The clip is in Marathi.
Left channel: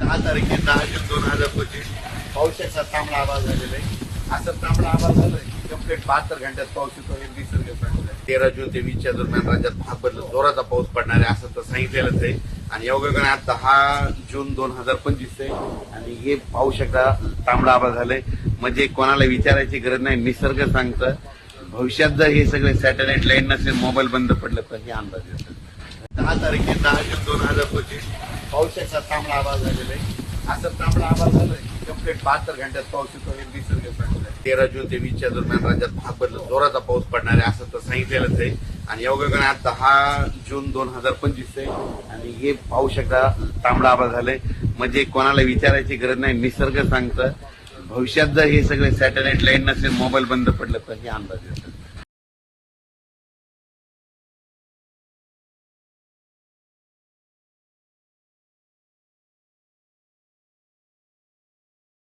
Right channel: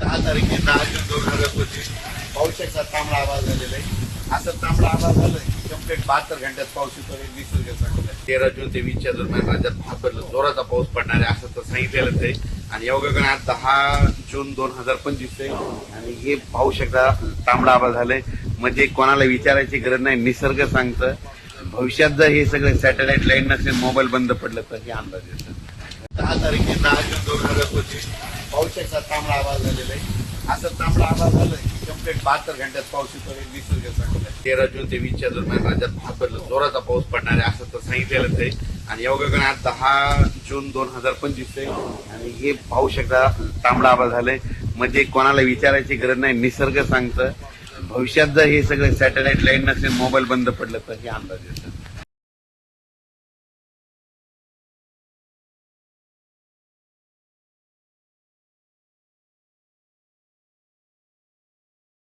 10 तारीख 10 जून 2025 पावसाचा तांबडा आवाज झालेला आहे. असं तांबडा आवाज झाला कंप्लीट 72 घंट्यात पाऊस येतो हे निसर्ग सांगत आहे. 13 जून ते 20 दरम्यान राज्यात भागभर जोराचा पाऊस पडणार आहे असं तर सांगितलेलंच आहे. आणि योगायोगाने आज 10 जून 2025 आहे आणि हे पावसाचा तांबडा आवाज झालाय. म्हणजे कोणाला विचारायची गरज नाही, निसर्ग सांगतं. भविष्यात जर हे सगळे सॅटेलाइट लाईन नसेल, मोबाईल बंद पडलं तर हे अंदाज येतो. 10 जून 2025 पावसाचा तांबडा आवाज झालेला आहे. असं तांबडा आवाज झाला कंप्लीट 72 घंट्यात पाऊस येतो हे निसर्ग सांगत आहे. 13 जून ते 20 दरम्यान राज्यात भागभर जोराचा पाऊस पडणार आहे असं तर सांगितलेलंच आहे. आणि योगायोगाने आज 10 जून 2025 आहे आणि हे पावसाचा तांबडा आवाज झालाय. म्हणजे कोणाला विचारायची गरज नाही, निसर्ग सांगतं. भविष्यात जर हे सगळे सॅटेलाइट लाईन नसेल, मोबाईल बंद पडलं तर हे अंदाज येतो.